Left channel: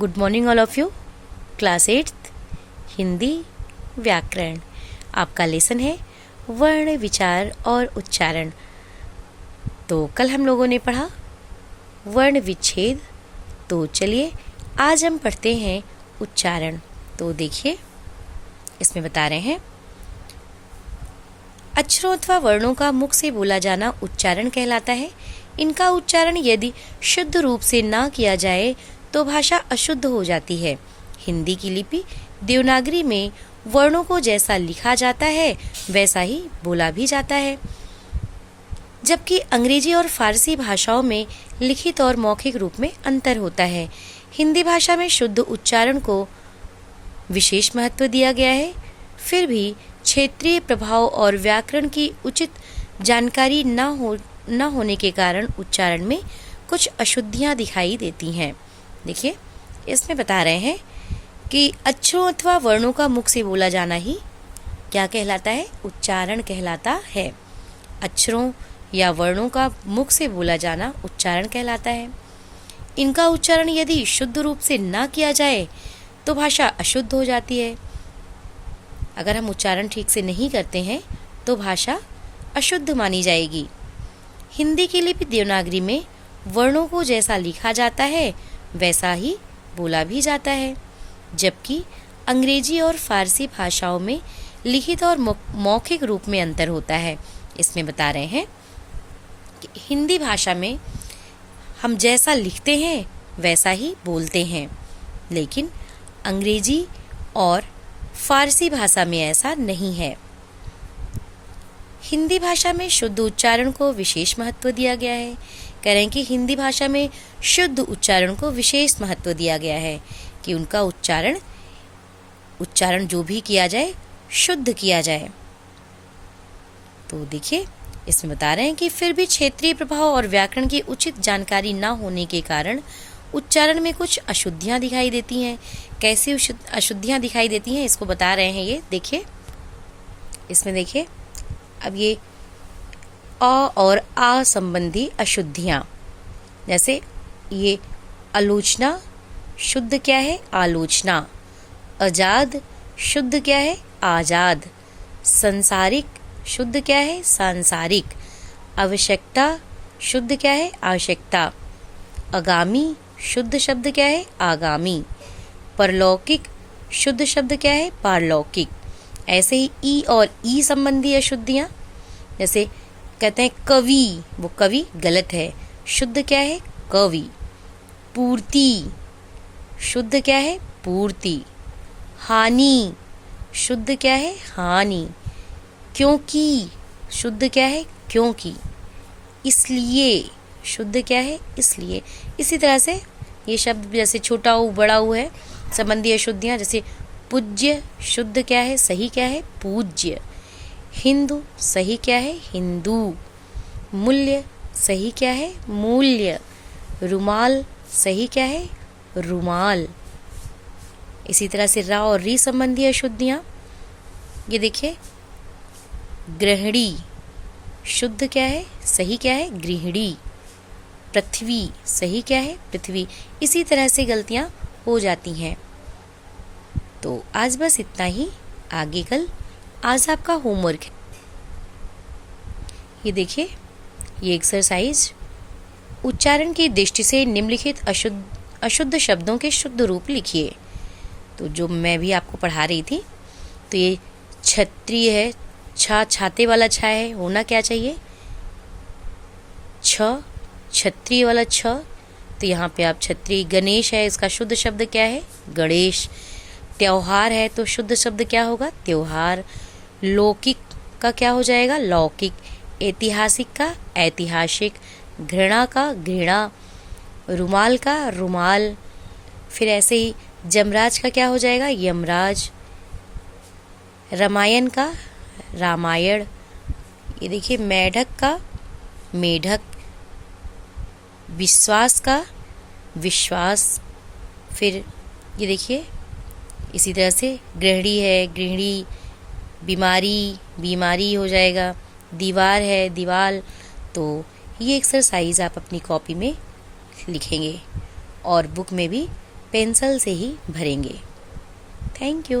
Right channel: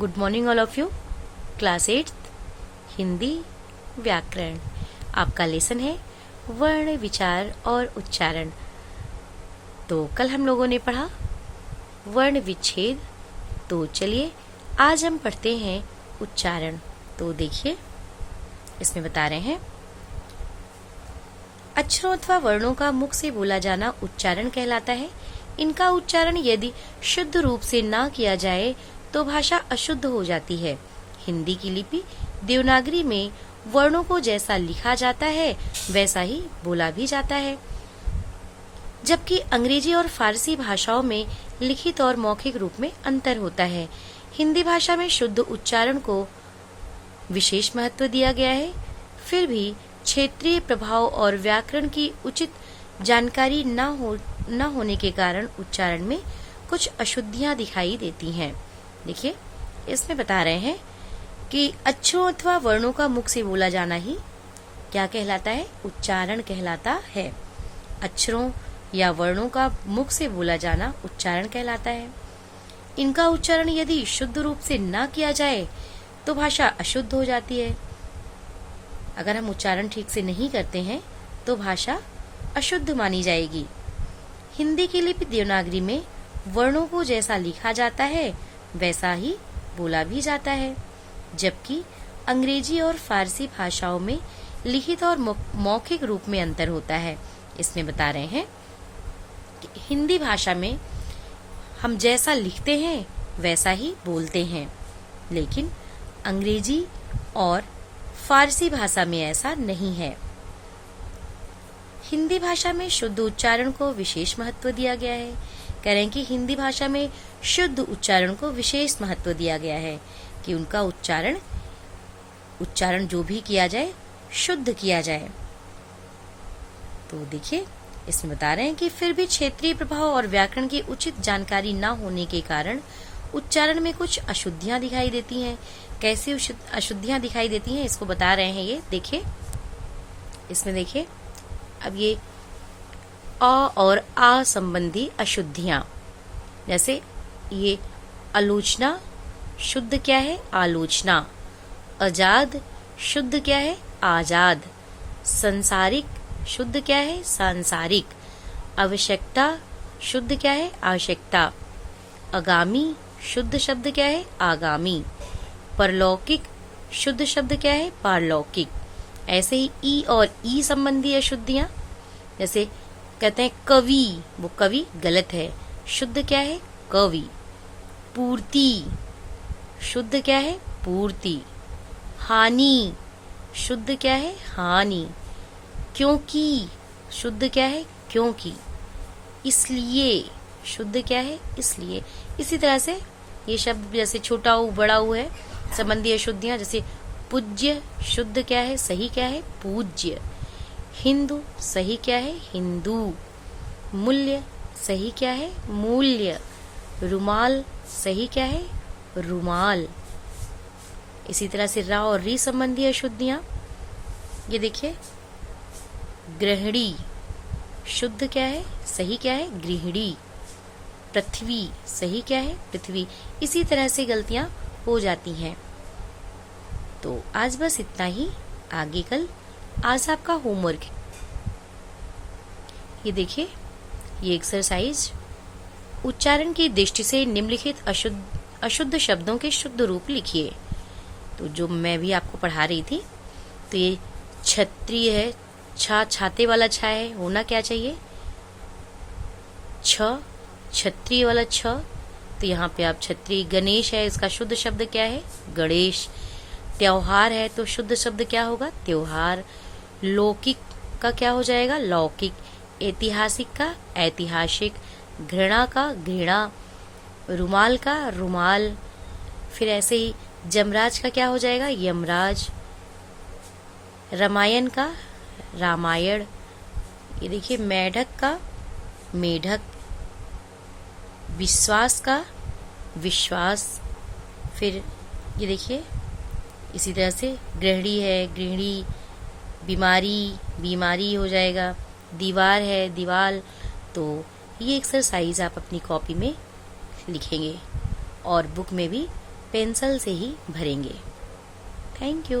Good morning all of you. Class 8 Hindi व्याकरण। आपका lesson है वर्ण, विचार और उच्चारण। तो कल हम लोगों ने पढ़ा वर्ण विच्छेद। तो चलिए आज हम पढ़ते हैं उच्चारण। तो देखिए इसमें बता रहे हैं अक्षरों अथवा वर्णों का मुख से बोला जाना उच्चारण कहलाता है। इनका उच्चारण यदि शुद्ध रूप से ना किया जाए तो भाषा अशुद्ध हो जाती है। हिंदी की लिपि देवनागरी में वर्णों को जैसा लिखा जाता है वैसा ही बोला भी जाता है, जबकि अंग्रेजी और फारसी भाषाओं में लिखित और मौखिक रूप में अंतर होता है। हिंदी भाषा में शुद्ध उच्चारण को विशेष महत्व दिया गया है, फिर भी क्षेत्रीय प्रभाव और व्याकरण की उचित जानकारी न होने के कारण उच्चारण में कुछ अशुद्धियां दिखाई देती हैं। देखिए इसमें बता रहे हैं कि अक्षरों अथवा वर्णों का मुख से बोला जाना ही क्या कहलाता है? उच्चारण कहलाता है। अक्षरों या वर्णों का मुख से बोला जाना उच्चारण कहलाता है। इनका उच्चारण यदि शुद्ध रूप से ना किया जाए तो भाषा अशुद्ध हो जाती है। अगर हम उच्चारण ठीक से नहीं करते हैं तो भाषा अशुद्ध मानी जाएगी। हिंदी की लिपि देवनागरी में वर्णों को जैसा लिखा जाता है वैसा ही बोला भी जाता है, जबकि अंग्रेजी और फारसी भाषाओं में लिखित और मौखिक रूप में अंतर होता है। इसमें बता रहे हैं कि हिंदी भाषा में हम जैसा लिखते हैं वैसा ही बोलते हैं, लेकिन अंग्रेजी और फारसी भाषा में ऐसा नहीं है। हिंदी भाषा में शुद्ध उच्चारण को विशेष महत्व दिया गया है। कह रहे हैं कि हिंदी भाषा में शुद्ध उच्चारण को विशेष महत्व दिया गया है कि उनका उच्चारण जो भी किया जाए शुद्ध किया जाए। तो देखिए इसमें बता रहे हैं कि फिर भी क्षेत्रीय प्रभाव और व्याकरण की उचित जानकारी न होने के कारण उच्चारण में कुछ अशुद्धियां दिखाई देती हैं। कैसी अशुद्धियां दिखाई देती हैं इसको बता रहे हैं। ये देखिए इसमें देखिए अब ये अ और आ संबंधी अशुद्धियां, जैसे ये आलोचना शुद्ध क्या है? आलोचना। आजाद शुद्ध क्या है? आजाद। संसारिक शुद्ध क्या है? सांसारिक। आवश्यकता शुद्ध क्या है? आवश्यकता। आगामी शुद्ध शब्द क्या है? आगामी। परलौकिक शुद्ध शब्द क्या है? पारलौकिक। ऐसे ही ई और ई संबंधी अशुद्धियां, जैसे कहते हैं कवि, वो कवि गलत है, शुद्ध क्या है? कवि। पूर्ति शुद्ध क्या है? पूर्ति। हानि शुद्ध क्या है? हानि। क्योंकि शुद्ध क्या है? क्योंकि। इसलिए शुद्ध क्या है? इसलिए। इसी तरह से ये शब्द जैसे छोटा ऊ बड़ा ऊ है संबंधी अशुद्धियां, जैसे पूज्य शुद्ध क्या है? सही क्या है? पूज्य। हिंदू सही क्या है? हिंदू। मूल्य सही क्या है? मूल्य। रुमाल सही क्या है? रुमाल। इसी तरह से रा और री संबंधी अशुद्धियां, ये देखिए गृहिणी शुद्ध क्या है? सही क्या है? गृहिणी। पृथ्वी सही क्या है? पृथ्वी। इसी तरह से गलतियां हो जाती हैं। तो आज बस इतना ही, आगे कल आज आपका होमवर्क है। ये देखिए ये एक्सरसाइज उच्चारण की दृष्टि से निम्नलिखित अशुद्ध शब्दों के शुद्ध रूप लिखिए। तो जो मैं भी आपको पढ़ा रही थी, तो ये क्षत्रिय है, छाते वाला छा है, होना क्या चाहिए? क्षत्रिय वाला छ, तो यहाँ पे आप क्षत्रिय। गणेश है, इसका शुद्ध शब्द क्या है? गणेश। त्योहार है तो शुद्ध शब्द क्या होगा? त्योहार। लौकिक का क्या हो जाएगा? लौकिक। ऐतिहासिक का ऐतिहासिक। घृणा का घृणा। रुमाल का रुमाल। फिर ऐसे ही जमराज का क्या हो जाएगा? यमराज। रामायण का रामायण। ये देखिए मेढक का मेढक। विश्वास का विश्वास। फिर ये देखिए इसी तरह से गृहिणी है, गृहिणी। बीमारी बीमारी हो जाएगा। दीवार है, दीवाल। तो ये एक्सरसाइज आप अपनी कॉपी में लिखेंगे और बुक में भी पेंसिल से ही भरेंगे। Thank you.